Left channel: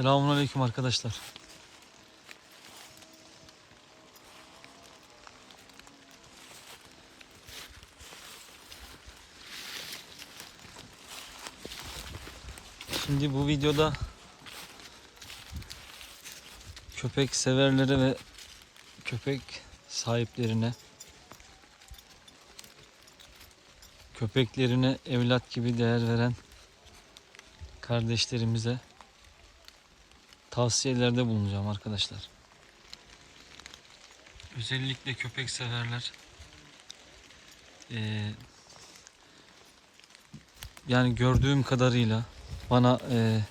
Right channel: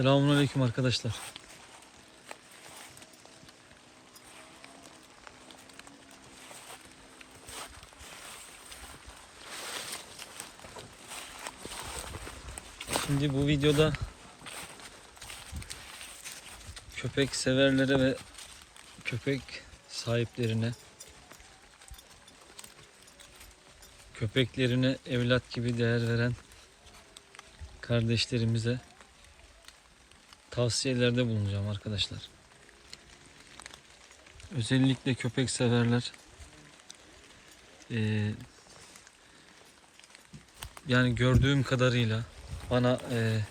Selamünaleyküm arkadaşlar. Şimdi bu videoda köpek severlere ve köpek sahiplerine köpeklerine evlat gibi değer veren kardeşlerimize tavsiyelerde bulunacağım arkadaşlar. Özellikle köpek severler eee, yani gördüğüm kadarıyla bana eee,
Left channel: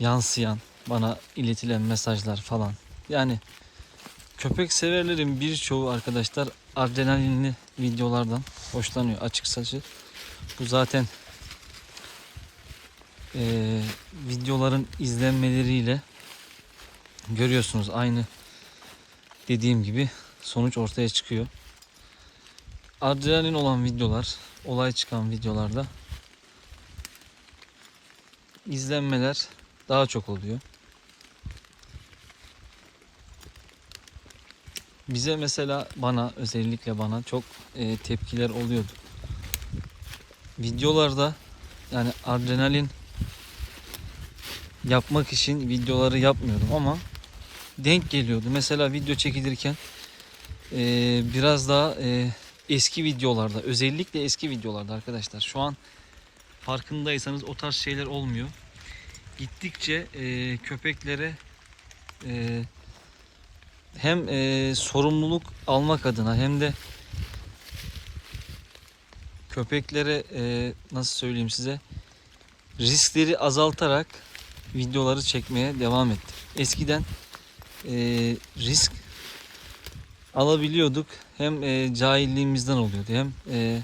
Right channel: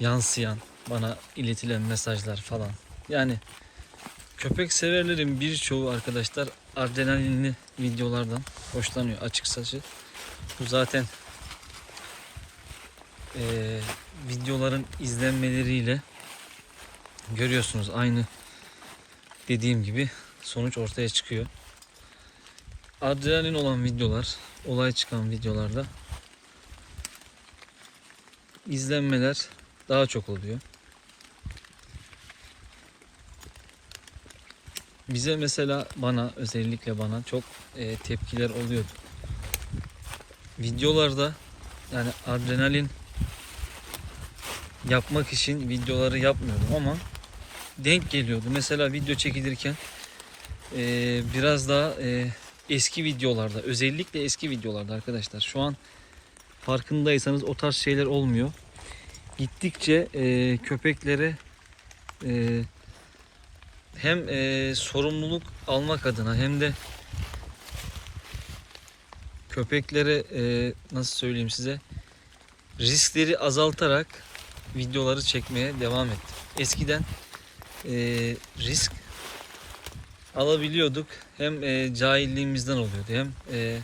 yansıyan, bana iletilen mesajlar falan. Yani köpek severlerin birçoğu arkadaşlar adrenalinli videolardan hoşlanıyor açıkçası. Bu zaten eee, videoların izlenmeleriyle görüyorsunuz aynı dediğim gibi sonuç ortaya çıkıyor. Adrenalin olan videolar, olay çıkan videolarda izlenmeler daha çok oluyor. Bize mesela bana özellikle bana çok e, tepkiler oluyordu. Videolarda yani adrenalin yapmak için videoları yapmıyordum ama denk geliyordu. Mesela video çekilirken e, biraz daha e, eski videolarda özellikle eski videolarda arkadaşlar şu an farkındaysanız o tarz şeyler olmuyor. Gittikçe e, köpeklere e, hem e, sorumluluk almak adına hem de köpeklere e, nasıl söyleyeyim size riskleri azaltarak videoları çekmeye devam ettim. Eskiden e, risk alabiliyorduk. Hem e, cahilliğimizden oluyordu hem e,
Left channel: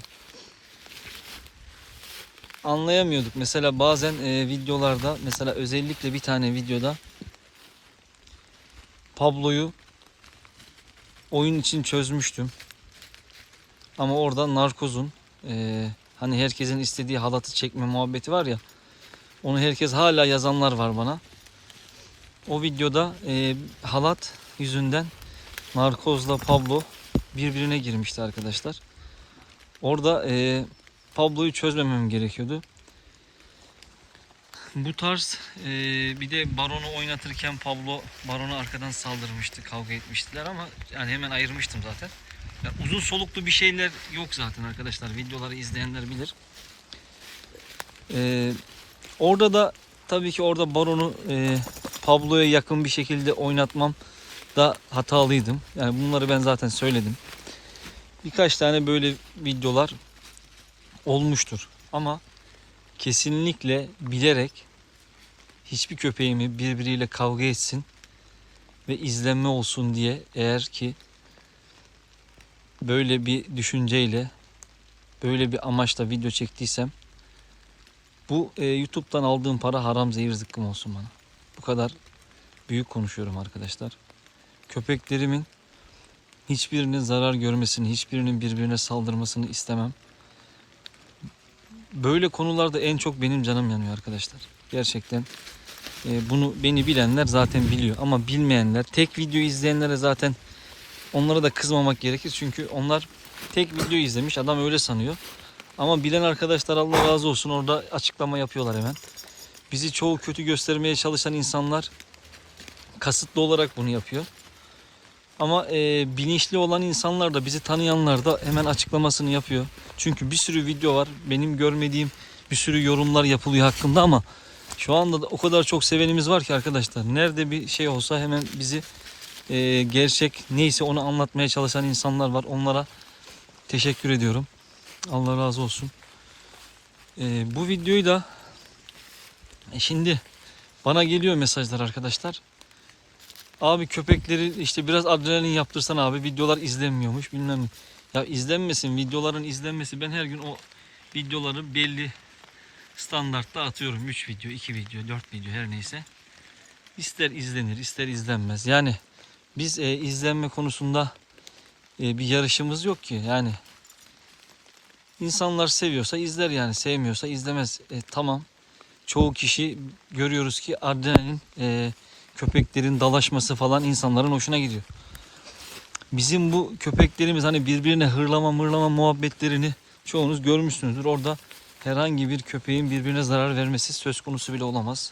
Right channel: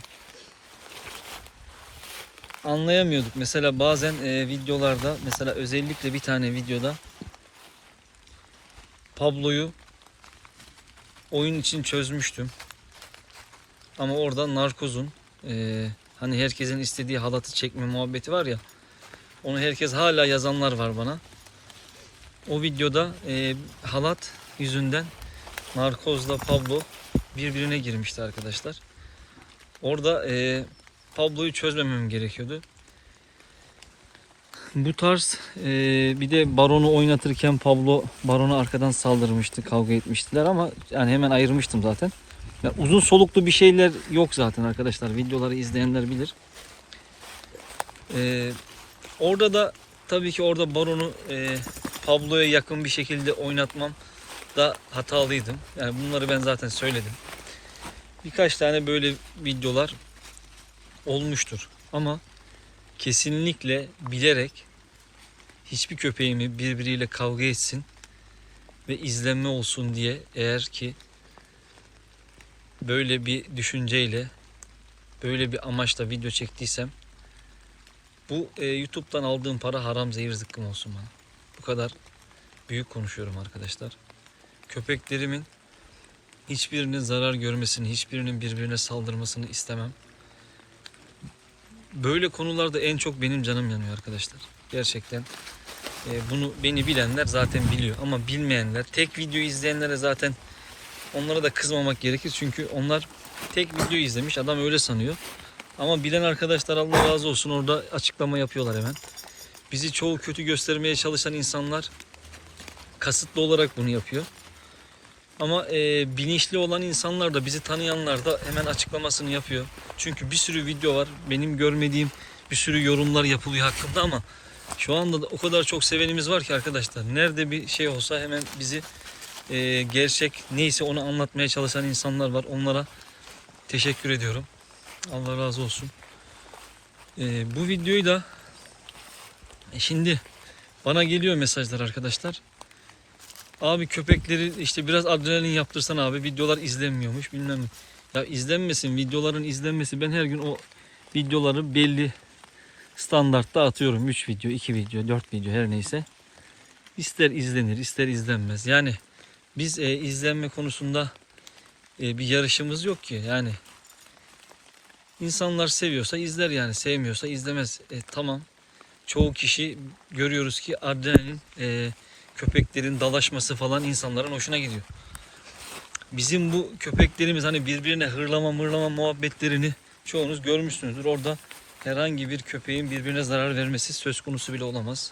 anlayamıyorduk. Mesela bazen e, videolarda mesela özellikle bir tane videoda Pablo'yu oyun için çözmüştüm. Ama orada narkozun e, hani herkesin istediği halatı çekme muhabbeti var ya onu herkes hala yazanlar var bana. O videoda e, halat yüzünden narkozla Pablo birbirine girmişti arkadaşlar. Orada e, Pablo'yu çözmemem gerekiyordu. Bu tarz e, bir de Baron'u oynatırken Pablo Baron'a arkadan saldırmıştı, kavga etmiştiler ama yani hemen ayırmıştım zaten. Ya uzun soluklu bir şeyler yok zaten arkadaşlar. Videoları izleyenler bilir. E, orada da tabii ki orada Baron'u e, Pablo'ya yakın bir şekilde oynatmam da hatalıydım. Yani bunları ben zaten söyledim. Birkaç tane böyle videolar olmuştur. Ama kesinlikle bilerek hiçbir köpeğimi birbiriyle kavga etsin ve izlenme olsun diye eğer ki böyle bir düşünceyle böyle bir amaçla video çektiysem bu e, YouTube'dan aldığım para haram zehir zıkkım olsun bana. Bu kadar büyük konuşuyorum arkadaşlar. Köpeklerimin hiçbirinin zarar görmesini, hiçbirinin birbirine saldırmasını istemem. Böyle konularda en çok benim canım yanıyor arkadaşlar. Gerçekten e, bunu beni bilenler zaten biliyor ama bilmeyenler, tek video izleyenlere zaten onlara da kızmamak gerekir. Çünkü onlar tek video izlemiş, adam öyle sanıyor. Ama bilen arkadaşlar Allah razı olsun orada açıklama yapıyorlar hemen. Bizi çoğu kötü göstermeye çalışan insanlar kasıtlı olarak bunu yapıyor. Ama e, bilinçli olan insanlar da bizi tanıyanlar da hemen açıklamasını yapıyor. Çünkü bir sürü video var. Benim görmediğim bir sürü yorumlar yapılıyor hakkında ama şu anda da o kadar çok sevenimiz var ki arkadaşlar. Nerede bir şey olsa hemen bizi e, gerçek neyse onu anlatmaya çalışan insanlar var. Onlara teşekkür ediyorum. Allah razı olsun. E, bu videoyu da e, şimdi bana geliyor mesajlar arkadaşlar. Abi köpekleri işte biraz adrenalin yaptırsan abi videolar izlenmiyormuş bilmem. Ya izlenmesin videoların izlenmesi ben her gün o videoları belli standartta atıyorum. 3 video, 2 video, 4 video her neyse. İster izlenir ister izlenmez. Yani biz e, izlenme konusunda e, bir yarışımız yok ki. Yani insanlar seviyorsa izler yani sevmiyorsa izlemez. E, tamam çoğu kişi görüyoruz ki adrenalin e, köpeklerin dalaşması falan insanların hoşuna gidiyor. Bizim bu köpeklerimiz hani birbirine hırlama mırlama muhabbetlerini çoğunuz görmüşsünüzdür. Orada herhangi bir köpeğin birbirine zarar vermesi söz konusu bile olamaz.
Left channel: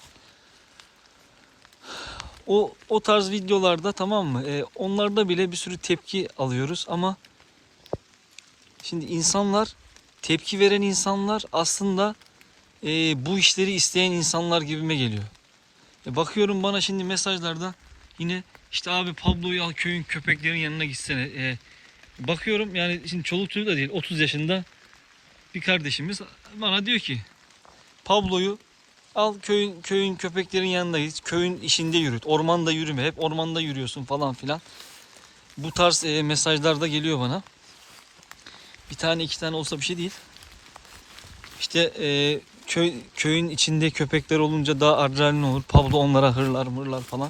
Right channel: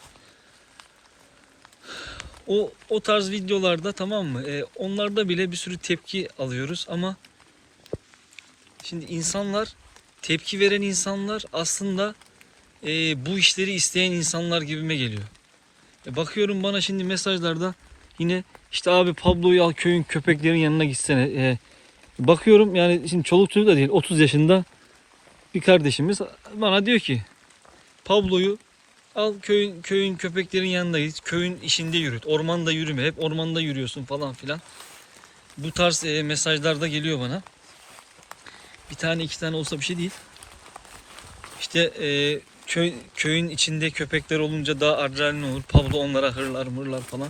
O o tarz videolarda tamam mı? E, onlarda bile bir sürü tepki alıyoruz ama şimdi insanlar tepki veren insanlar aslında e, bu işleri isteyen insanlar gibime geliyor. E, bakıyorum bana şimdi mesajlarda yine işte abi Pablo'yu al köyün köpeklerin yanına gitsene. E, bakıyorum yani şimdi çoluk çocuk da değil 30 yaşında bir kardeşimiz bana diyor ki Pablo'yu al köyün köyün köpeklerin yanında git. Köyün işinde yürüt. Ormanda yürüme. Hep ormanda yürüyorsun falan filan. Bu tarz e, mesajlar da geliyor bana. Bir tane iki tane olsa bir şey değil. İşte e, köy köyün içinde köpekler olunca daha adrenalin olur. Pablo onlara hırlar mırlar falan.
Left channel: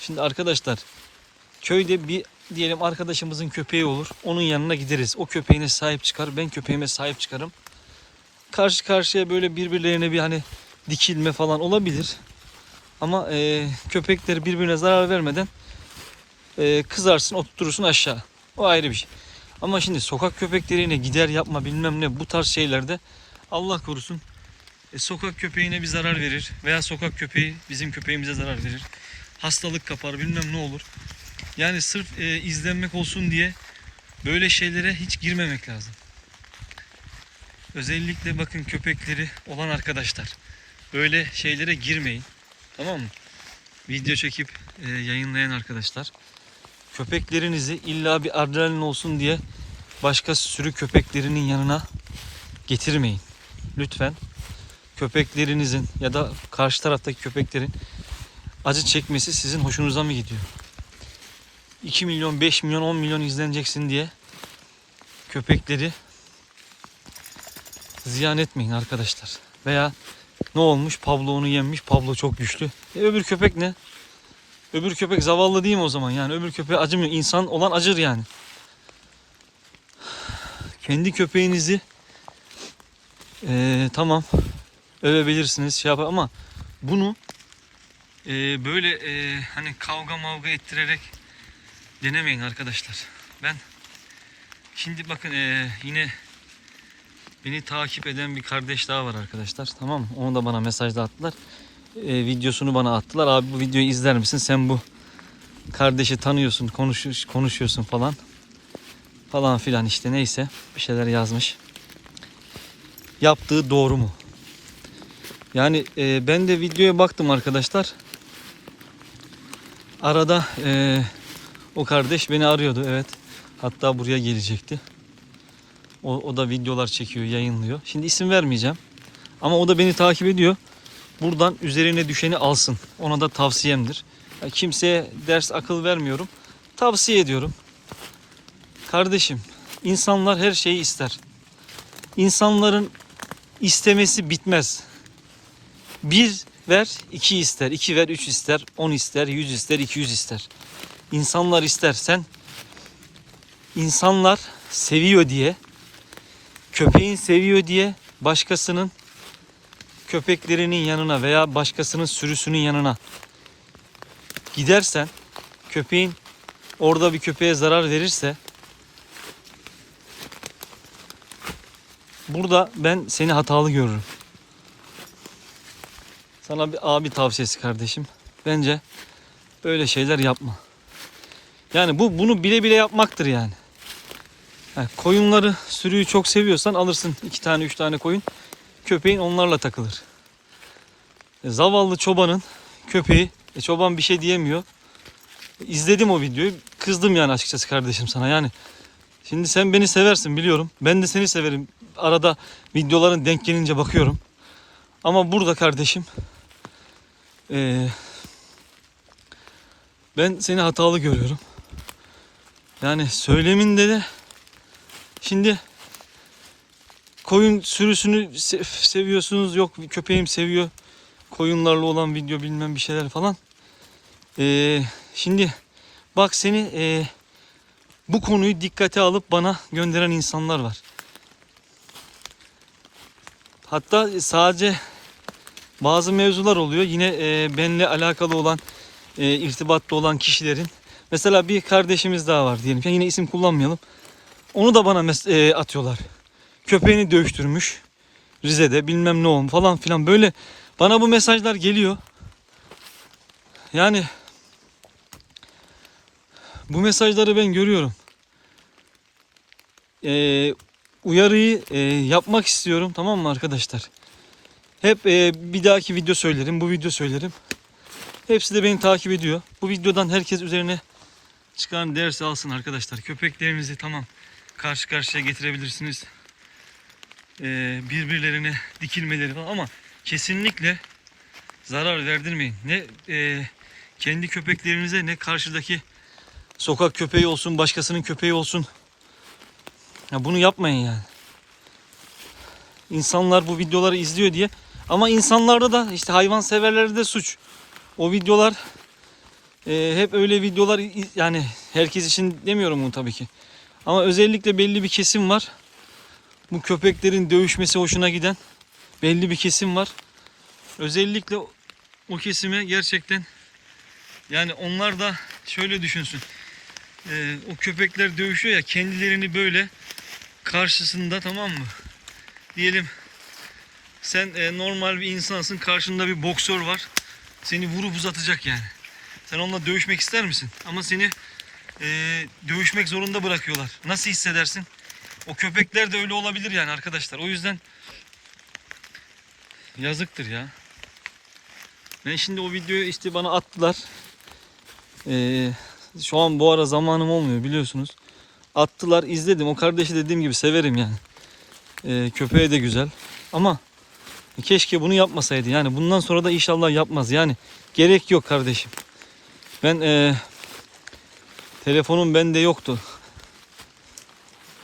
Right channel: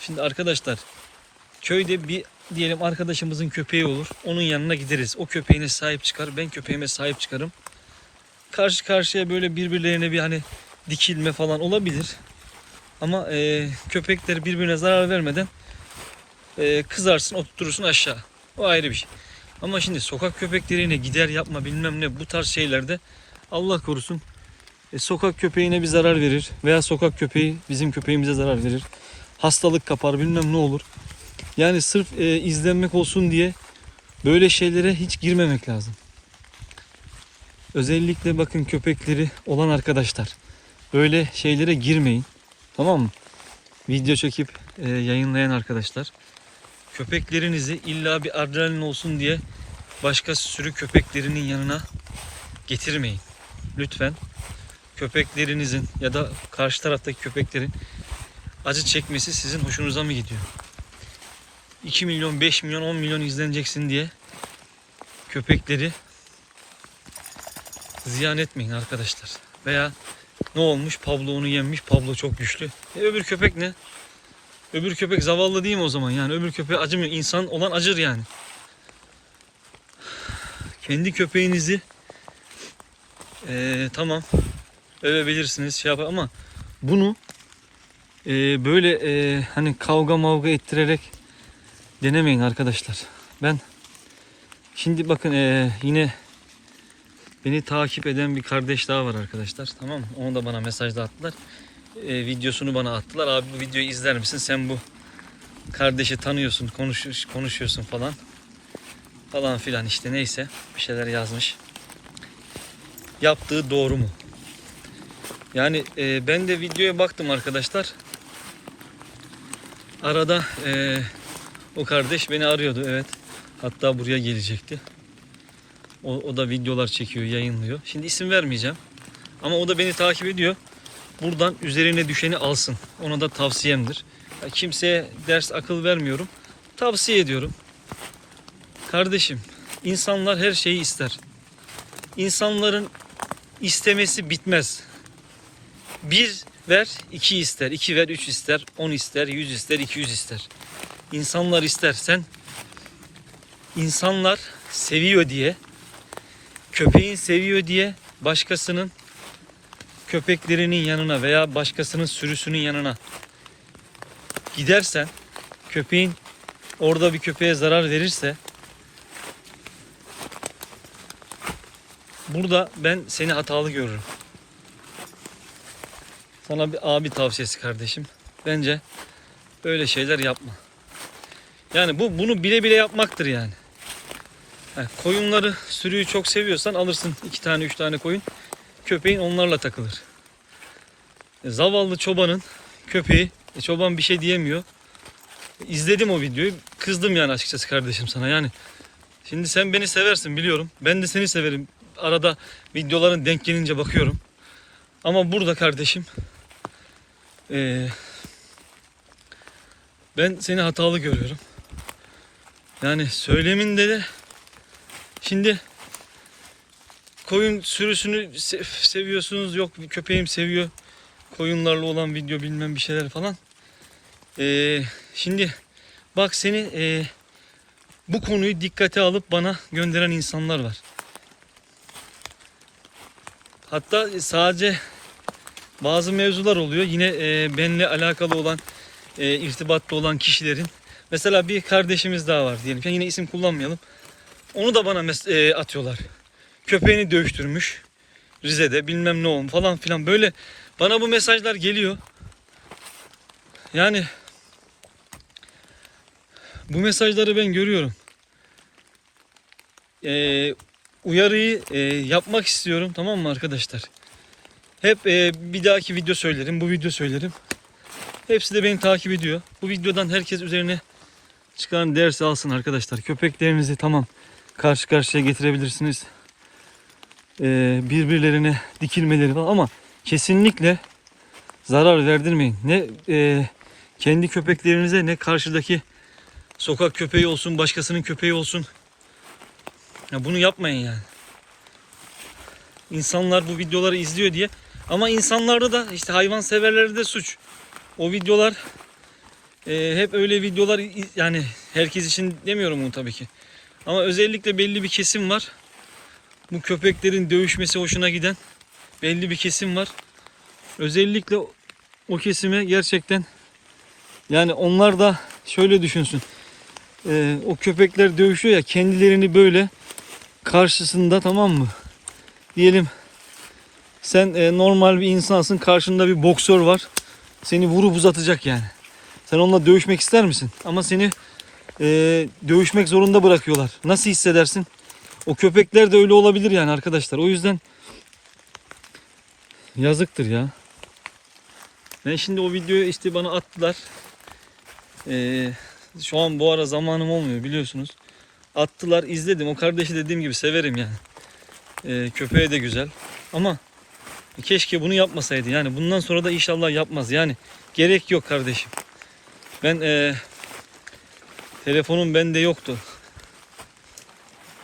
Şimdi arkadaşlar köyde bir diyelim arkadaşımızın köpeği olur. Onun yanına gideriz. O köpeğine sahip çıkar. Ben köpeğime sahip çıkarım. Karşı karşıya böyle birbirlerine bir hani dikilme falan olabilir. Ama e, köpekler birbirine zarar vermeden e, kızarsın oturtursun aşağı. O ayrı bir şey. Ama şimdi sokak köpeklerine gider yapma bilmem ne bu tarz şeylerde Allah korusun e, sokak köpeğine bir zarar verir veya sokak köpeği bizim köpeğimize zarar verir. Hastalık kapar bilmem ne olur. Yani sırf e, izlenmek olsun diye böyle şeylere hiç girmemek lazım. Özellikle bakın köpekleri olan arkadaşlar böyle şeylere girmeyin. Tamam mı? Video çekip e, yayınlayan arkadaşlar köpeklerinizi illa bir adrenalin olsun diye başka sürü köpeklerinin yanına getirmeyin. Lütfen köpeklerinizin ya da karşı taraftaki köpeklerin acı çekmesi sizin hoşunuza mı gidiyor? 2 milyon, 5 milyon, 10 milyon izleneceksin diye köpekleri ziyan etmeyin arkadaşlar. Veya ne olmuş? Pablo onu yenmiş. Pablo çok güçlü. E öbür köpek ne? Öbür köpek zavallı değil mi o zaman? Yani öbür köpeğe acımıyor. İnsan olan acır yani. Kendi köpeğinizi eee, tamam övebilirsiniz şey yapar ama bunu eee, böyle eee, hani kavga mavga ettirerek denemeyin arkadaşlar. Ben şimdi bakın eee, yine beni takip eden bir kardeş daha var arkadaşlar. Tamam mı? Onu da bana mesajda attılar. Eee, videosunu bana attılar. Abi bu videoyu izler misin? Sen bu kardeşi tanıyorsun, konuş, konuşuyorsun falan. Falan filan işte neyse bir şeyler yazmış. Yaptığı doğru mu? Yani e, ben de videoya baktım arkadaşlar. Arada e, o kardeş beni arıyordu evet. Hatta buraya gelecekti. O, o da videolar çekiyor, yayınlıyor. Şimdi isim vermeyeceğim. Ama o da beni takip ediyor. Buradan üzerine düşeni alsın. Ona da tavsiyemdir. Kimseye ders akıl vermiyorum. Tavsiye ediyorum. Kardeşim, insanlar her şeyi ister. İnsanların istemesi bitmez. Bir ver, iki ister. iki ver, üç ister. On ister, yüz ister, iki yüz ister. İnsanlar ister. Sen insanlar seviyor diye köpeğin seviyor diye başkasının köpeklerinin yanına veya başkasının sürüsünün yanına gidersen köpeğin orada bir köpeğe zarar verirse burada ben seni hatalı görürüm. Sana bir abi tavsiyesi kardeşim. Bence böyle şeyler yapma. Yani bu bunu bile bile yapmaktır yani. Ha, koyunları, sürüyü çok seviyorsan alırsın iki tane üç tane koyun. Köpeğin onlarla takılır. E, zavallı çobanın köpeği, e, çoban bir şey diyemiyor. İzledim o videoyu. Kızdım yani açıkçası kardeşim sana yani. Şimdi sen beni seversin biliyorum. Ben de seni severim. Arada videoların denk gelince bakıyorum. Ama burada kardeşim eee, ben seni hatalı görüyorum. Yani söyleminde de şimdi koyun sürüsünü se- seviyorsunuz. Yok köpeğim seviyor. Koyunlarla olan video bilmem bir şeyler falan. Eee, şimdi bak seni eee, bu konuyu dikkate alıp bana gönderen insanlar var. Hatta sadece bazı mevzular oluyor. Yine e, benimle alakalı olan, e, irtibatta olan kişilerin. Mesela bir kardeşimiz daha var diyelim. ki, Yine isim kullanmayalım. Onu da bana e, atıyorlar. Köpeğini dövüştürmüş. Rize'de bilmem ne olmuş falan filan. Böyle bana bu mesajlar geliyor. Yani bu mesajları ben görüyorum. Ee, uyarıyı e, yapmak istiyorum tamam mı arkadaşlar? Hep e, bir dahaki video söylerim, bu video söylerim. Hepsi de beni takip ediyor. Bu videodan herkes üzerine çıkan ders alsın arkadaşlar. Köpeklerinizi tamam karşı karşıya getirebilirsiniz. Ee, birbirlerine dikilmeleri var ama kesinlikle zarar verdirmeyin. Ne e, kendi köpeklerinize ne karşıdaki sokak köpeği olsun, başkasının köpeği olsun. Ya bunu yapmayın yani. İnsanlar bu videoları izliyor diye. Ama insanlarda da işte hayvan severlerde de suç. O videolar e, hep öyle videolar yani herkes için demiyorum bunu tabii ki. Ama özellikle belli bir kesim var. Bu köpeklerin dövüşmesi hoşuna giden belli bir kesim var. Özellikle o- kesime gerçekten yani onlar da şöyle düşünsün. Ee, o köpekler dövüşüyor ya kendilerini böyle karşısında tamam mı? Diyelim sen e, normal bir insansın karşında bir boksör var. Seni vurup uzatacak yani. Sen onunla dövüşmek ister misin? Ama seni e, dövüşmek zorunda bırakıyorlar. Nasıl hissedersin? O köpekler de öyle olabilir yani arkadaşlar. O yüzden yazıktır ya. Ben şimdi o videoyu işte bana attılar. Ee, şu an bu ara zamanım olmuyor biliyorsunuz. Attılar izledim. O kardeşi dediğim gibi severim yani. Ee, köpeği de güzel. Ama keşke bunu yapmasaydı. Yani bundan sonra da inşallah yapmaz. Yani gerek yok kardeşim. Ben ee, telefonum bende yoktu.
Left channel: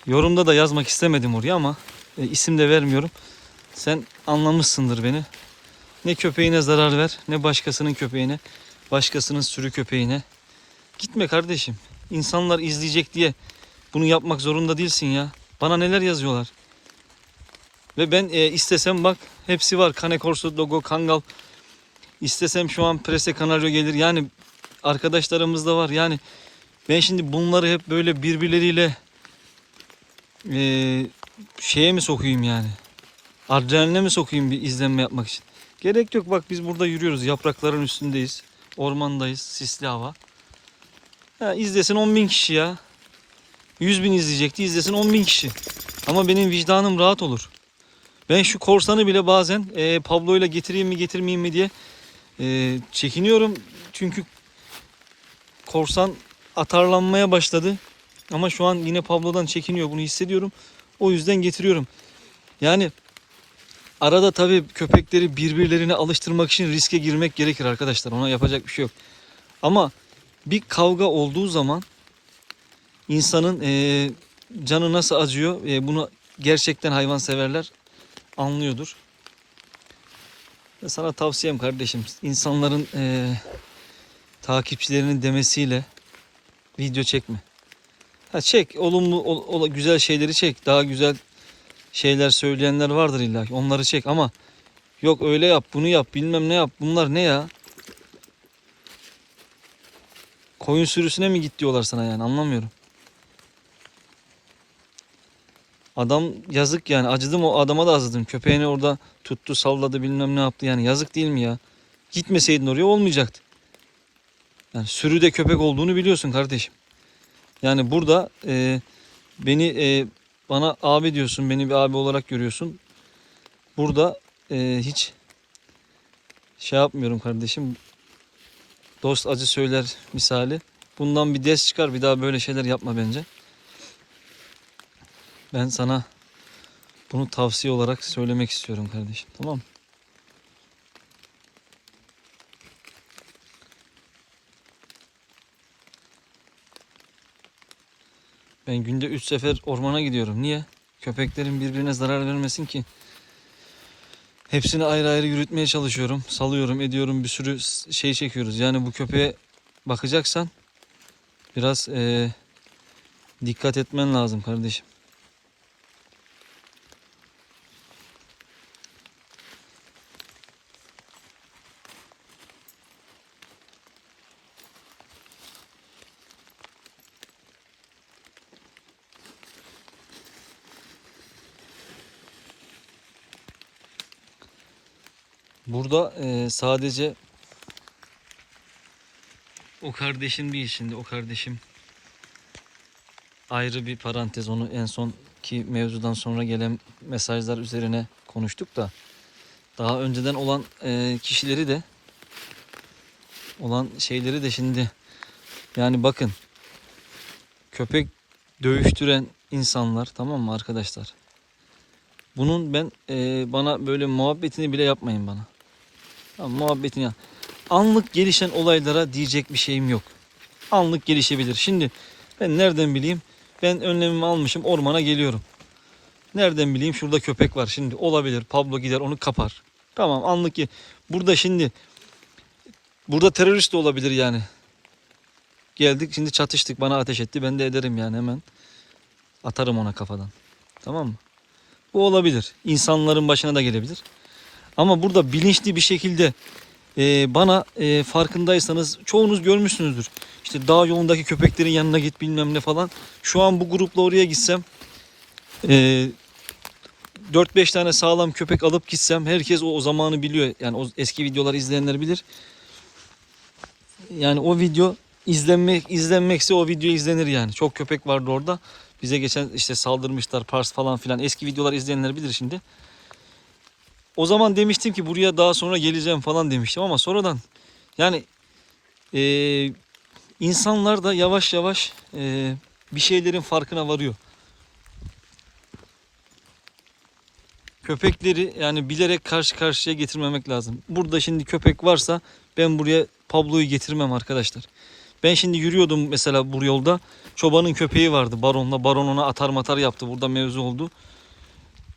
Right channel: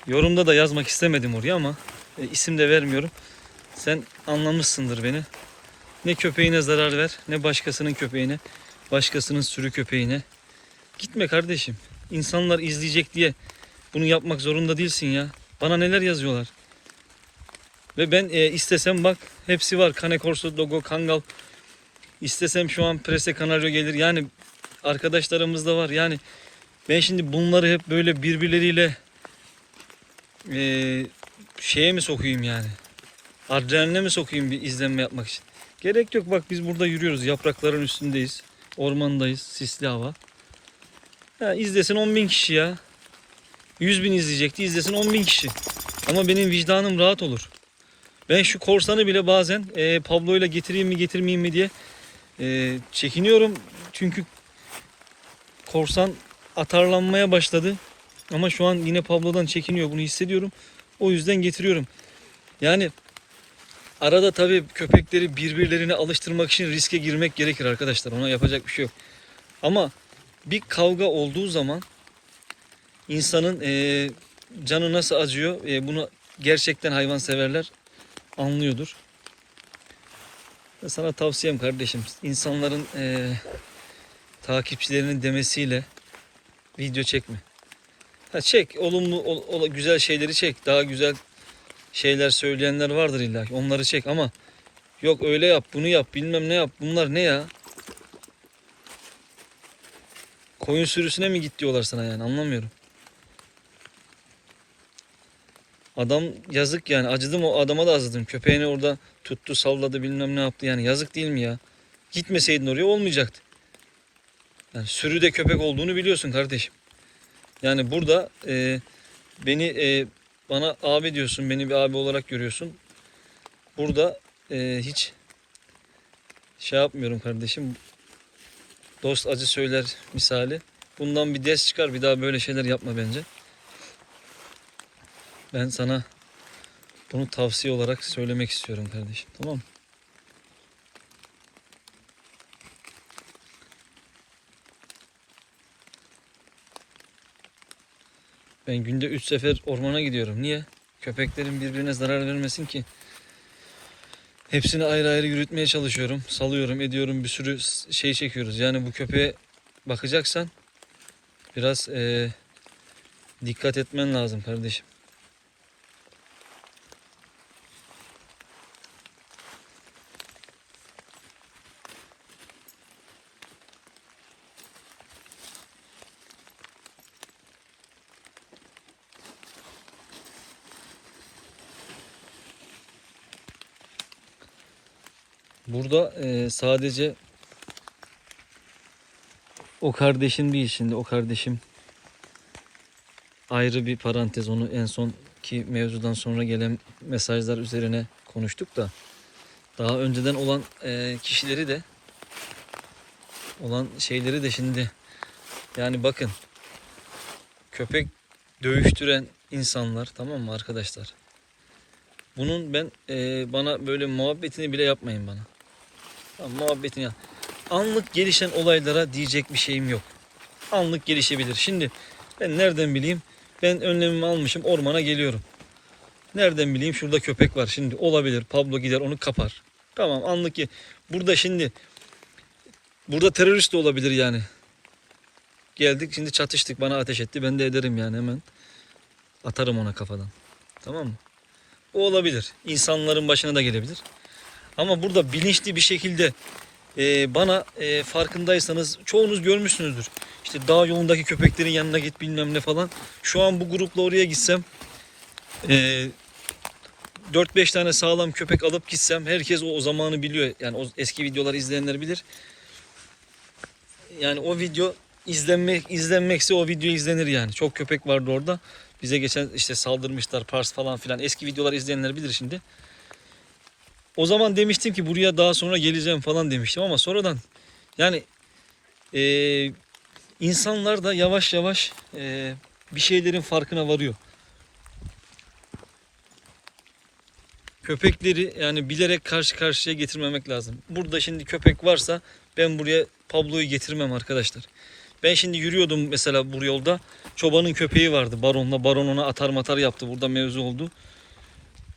Yorumda da yazmak istemedim oraya ama e, isim de vermiyorum. Sen anlamışsındır beni. Ne köpeğine zarar ver, ne başkasının köpeğine, başkasının sürü köpeğine. Gitme kardeşim. İnsanlar izleyecek diye bunu yapmak zorunda değilsin ya. Bana neler yazıyorlar. Ve ben e, istesem bak hepsi var. Cane Corso, Dogo, Kangal. İstesem şu an Prese Canario gelir. Yani arkadaşlarımız da var. Yani ben şimdi bunları hep böyle birbirleriyle e, şeye mi sokayım yani? Adrenaline mi sokayım bir izlenme yapmak için? Gerek yok bak biz burada yürüyoruz. Yaprakların üstündeyiz. Ormandayız. Sisli hava. Ha, izlesin 10 bin kişi ya. 100 bin izleyecekti. izlesin 10 bin kişi. Ama benim vicdanım rahat olur. Ben şu korsanı bile bazen e, Pablo ile getireyim mi getirmeyeyim mi diye e, çekiniyorum. Çünkü korsan atarlanmaya başladı. Ama şu an yine Pablo'dan çekiniyor. Bunu hissediyorum. O yüzden getiriyorum. Yani arada tabii köpekleri birbirlerine alıştırmak için riske girmek gerekir arkadaşlar. Ona yapacak bir şey yok. Ama bir kavga olduğu zaman insanın eee, canı nasıl acıyor eee, bunu gerçekten hayvanseverler anlıyordur. Sana tavsiyem kardeşim insanların eee, takipçilerinin demesiyle video çekme. Ha çek olumlu ol- ol- güzel şeyleri çek. Daha güzel şeyler söyleyenler vardır illa. Onları çek ama yok öyle yap bunu yap bilmem ne yap. Bunlar ne ya? Koyun sürüsüne mi git diyorlar sana yani anlamıyorum. Adam yazık yani acıdım o adama da acıdım. Köpeğini orada tuttu salladı bilmem ne yaptı yani yazık değil mi ya? Gitmeseydin oraya olmayacaktı. Yani sürüde köpek olduğunu biliyorsun kardeşim. Yani burada e, beni e, bana abi diyorsun, beni bir abi olarak görüyorsun. Burada e, hiç şey yapmıyorum kardeşim. Dost acı söyler misali. Bundan bir ders çıkar. Bir daha böyle şeyler yapma bence. Ben sana bunu tavsiye olarak söylemek istiyorum kardeşim. Tamam mı? Ben günde 3 sefer ormana gidiyorum. Niye? Köpeklerin birbirine zarar vermesin ki. Hepsini ayrı ayrı yürütmeye çalışıyorum. Salıyorum, ediyorum. Bir sürü şey çekiyoruz. Yani bu köpeğe bakacaksan biraz eee, dikkat etmen lazım kardeşim. Burada e, sadece o kardeşim değil şimdi o kardeşim ayrı bir parantez onu en son ki mevzudan sonra gelen mesajlar üzerine konuştuk da daha önceden olan e, kişileri de olan şeyleri de şimdi yani bakın köpek dövüştüren insanlar tamam mı arkadaşlar? Bunun ben e, bana böyle muhabbetini bile yapmayın bana. Tamam, muhabbetini yap. Anlık gelişen olaylara diyecek bir şeyim yok. Anlık gelişebilir. Şimdi ben nereden bileyim? Ben önlemimi almışım ormana geliyorum. Nereden bileyim şurada köpek var şimdi olabilir. Pablo gider onu kapar. Tamam anlık ki burada şimdi burada terörist de olabilir yani. Geldik şimdi çatıştık bana ateş etti ben de ederim yani hemen. Atarım ona kafadan. Tamam mı? Bu olabilir. İnsanların başına da gelebilir. Ama burada bilinçli bir şekilde e, bana e, farkındaysanız çoğunuz görmüşsünüzdür. İşte dağ yolundaki köpeklerin yanına git bilmem ne falan. Şu an bu grupla oraya gitsem e, 4-5 tane sağlam köpek alıp gitsem herkes o, o zamanı biliyor. Yani o eski videoları izleyenler bilir. Yani o video izlenmek izlenmekse o video izlenir yani. Çok köpek vardı orada. Bize geçen işte saldırmışlar Pars falan filan. Eski videolar izleyenler bilir şimdi. O zaman demiştim ki buraya daha sonra geleceğim falan demiştim ama sonradan yani eee, insanlar da yavaş yavaş eee, bir şeylerin farkına varıyor. Köpekleri yani bilerek karşı karşıya getirmemek lazım. Burada şimdi köpek varsa ben buraya Pablo'yu getirmem arkadaşlar. Ben şimdi yürüyordum mesela bu yolda. Çobanın köpeği vardı baronla. Baron ona atar matar yaptı. Burada mevzu oldu.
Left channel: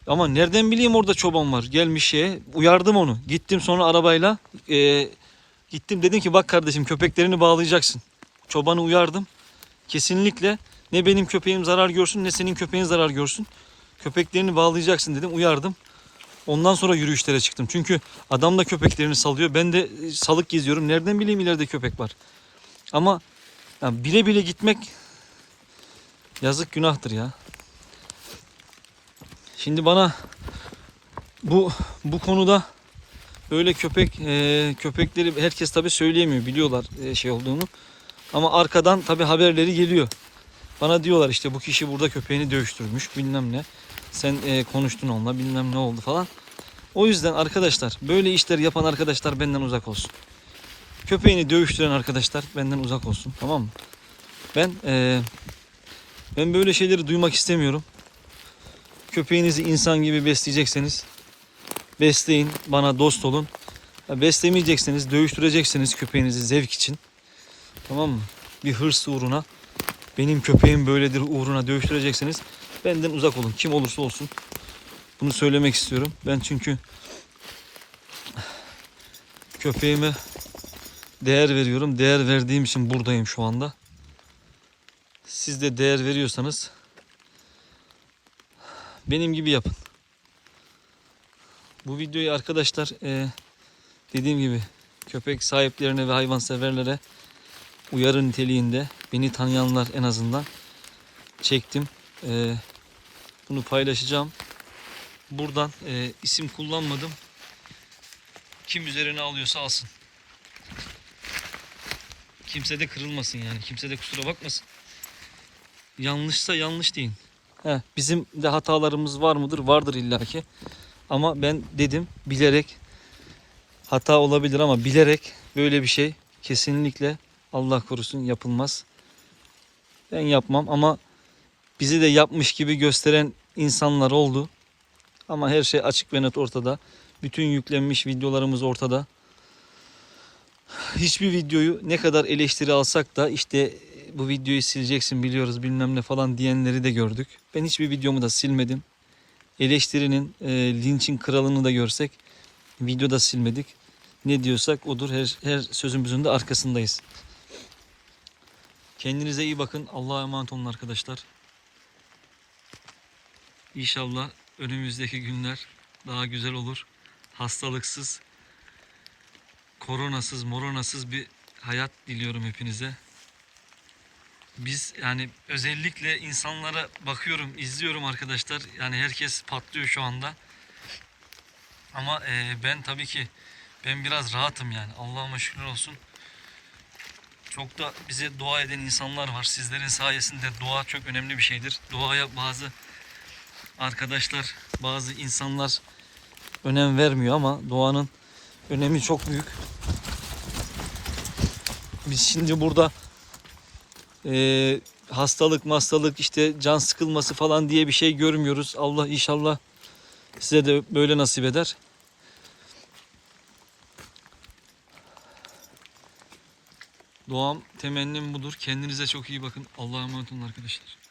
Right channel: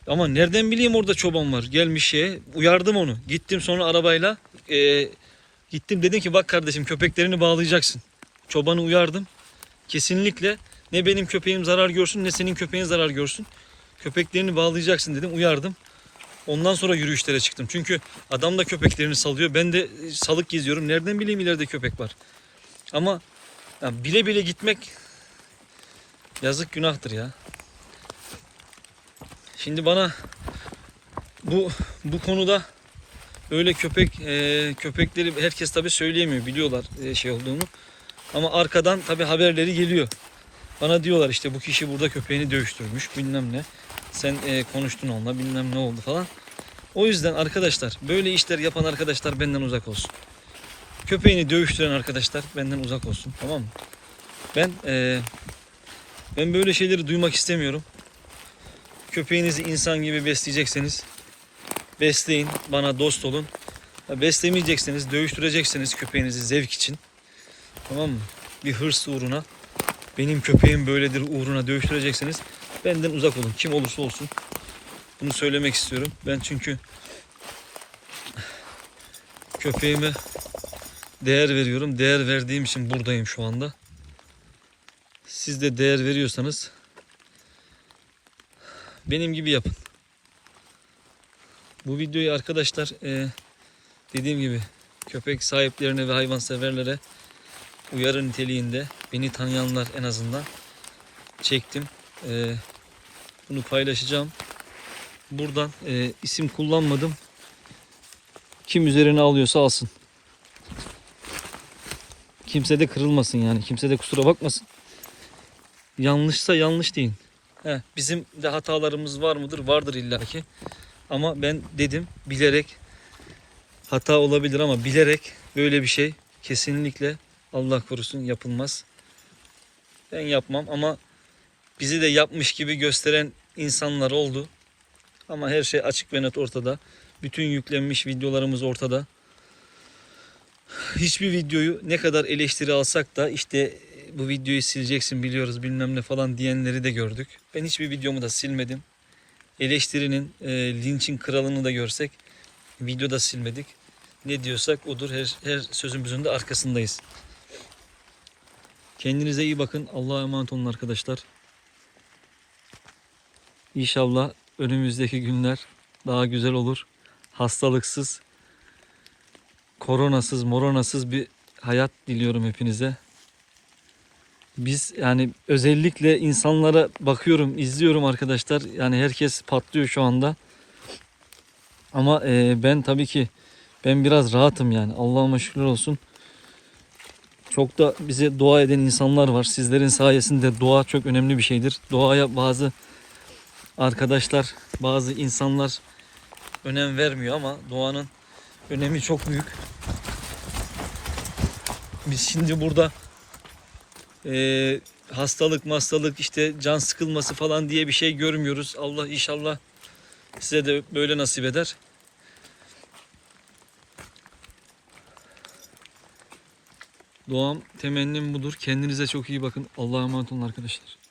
Ama nereden bileyim orada çoban var. Gelmiş şeye. Uyardım onu. Gittim sonra arabayla. e, gittim dedim ki bak kardeşim köpeklerini bağlayacaksın. Çobanı uyardım. Kesinlikle ne benim köpeğim zarar görsün ne senin köpeğin zarar görsün. Köpeklerini bağlayacaksın dedim. Uyardım. Ondan sonra yürüyüşlere çıktım. Çünkü adam da köpeklerini salıyor. Ben de e, salık geziyorum. Nereden bileyim ileride köpek var. Ama ya bile bile gitmek yazık günahtır ya. Şimdi bana bu bu konuda öyle köpek e, köpekleri herkes tabi söyleyemiyor biliyorlar e, şey olduğunu. Ama arkadan tabi haberleri geliyor. Bana diyorlar işte bu kişi burada köpeğini dövüştürmüş bilmem ne. Sen e, konuştun onunla bilmem ne oldu falan. O yüzden arkadaşlar böyle işler yapan arkadaşlar benden uzak olsun. Köpeğini dövüştüren arkadaşlar benden uzak olsun tamam mı? Ben e, ben böyle şeyleri duymak istemiyorum. Köpeğinizi insan gibi besleyecekseniz besleyin, bana dost olun. Beslemeyecekseniz, dövüştüreceksiniz köpeğinizi zevk için. Tamam mı? Bir hırs uğruna, benim köpeğim böyledir uğruna dövüştüreceksiniz. Benden uzak olun. Kim olursa olsun. Bunu söylemek istiyorum. Ben çünkü köpeğime değer veriyorum. Değer verdiğim için buradayım şu anda. Siz de değer veriyorsanız benim gibi yapın. Bu videoyu arkadaşlar e, dediğim gibi köpek sahiplerine ve hayvanseverlere uyarı niteliğinde beni tanıyanlar en azından çektim. E, bunu paylaşacağım. Buradan e, isim kullanmadım. Kim üzerine alıyorsa alsın. Kimse de kırılmasın yani. Kimse de kusura bakmasın. Yanlışsa yanlış deyin. Bizim de hatalarımız var mıdır? Vardır illaki. Ama ben dedim bilerek hata olabilir ama bilerek böyle bir şey kesinlikle Allah korusun yapılmaz. Ben yapmam ama bizi de yapmış gibi gösteren insanlar oldu. Ama her şey açık ve net ortada. Bütün yüklenmiş videolarımız ortada. Hiçbir videoyu ne kadar eleştiri alsak da işte bu videoyu sileceksin biliyoruz bilmem ne falan diyenleri de gördük. Ben hiçbir videomu da silmedim. Eleştirinin, e, linçin kralını da görsek videoda silmedik. Ne diyorsak odur. Her, her sözümüzün de arkasındayız. Kendinize iyi bakın. Allah'a emanet olun arkadaşlar. İnşallah önümüzdeki günler daha güzel olur. Hastalıksız, koronasız, moronasız bir hayat diliyorum hepinize. Biz yani özellikle insanlara bakıyorum, izliyorum arkadaşlar. Yani herkes patlıyor şu anda. Ama e, ben tabii ki Ben biraz rahatım yani. Allah'ıma şükürler olsun. Çok da bize dua eden insanlar var. Sizlerin sayesinde dua çok önemli bir şeydir. Doğaya bazı arkadaşlar, bazı insanlar önem vermiyor ama doğanın önemi çok büyük. Biz şimdi burada eee, hastalık, hastalık, işte can sıkılması falan diye bir şey görmüyoruz. Allah inşallah size de böyle nasip eder. Doğam temennim budur. Kendinize çok iyi bakın. Allah'a emanet olun arkadaşlar.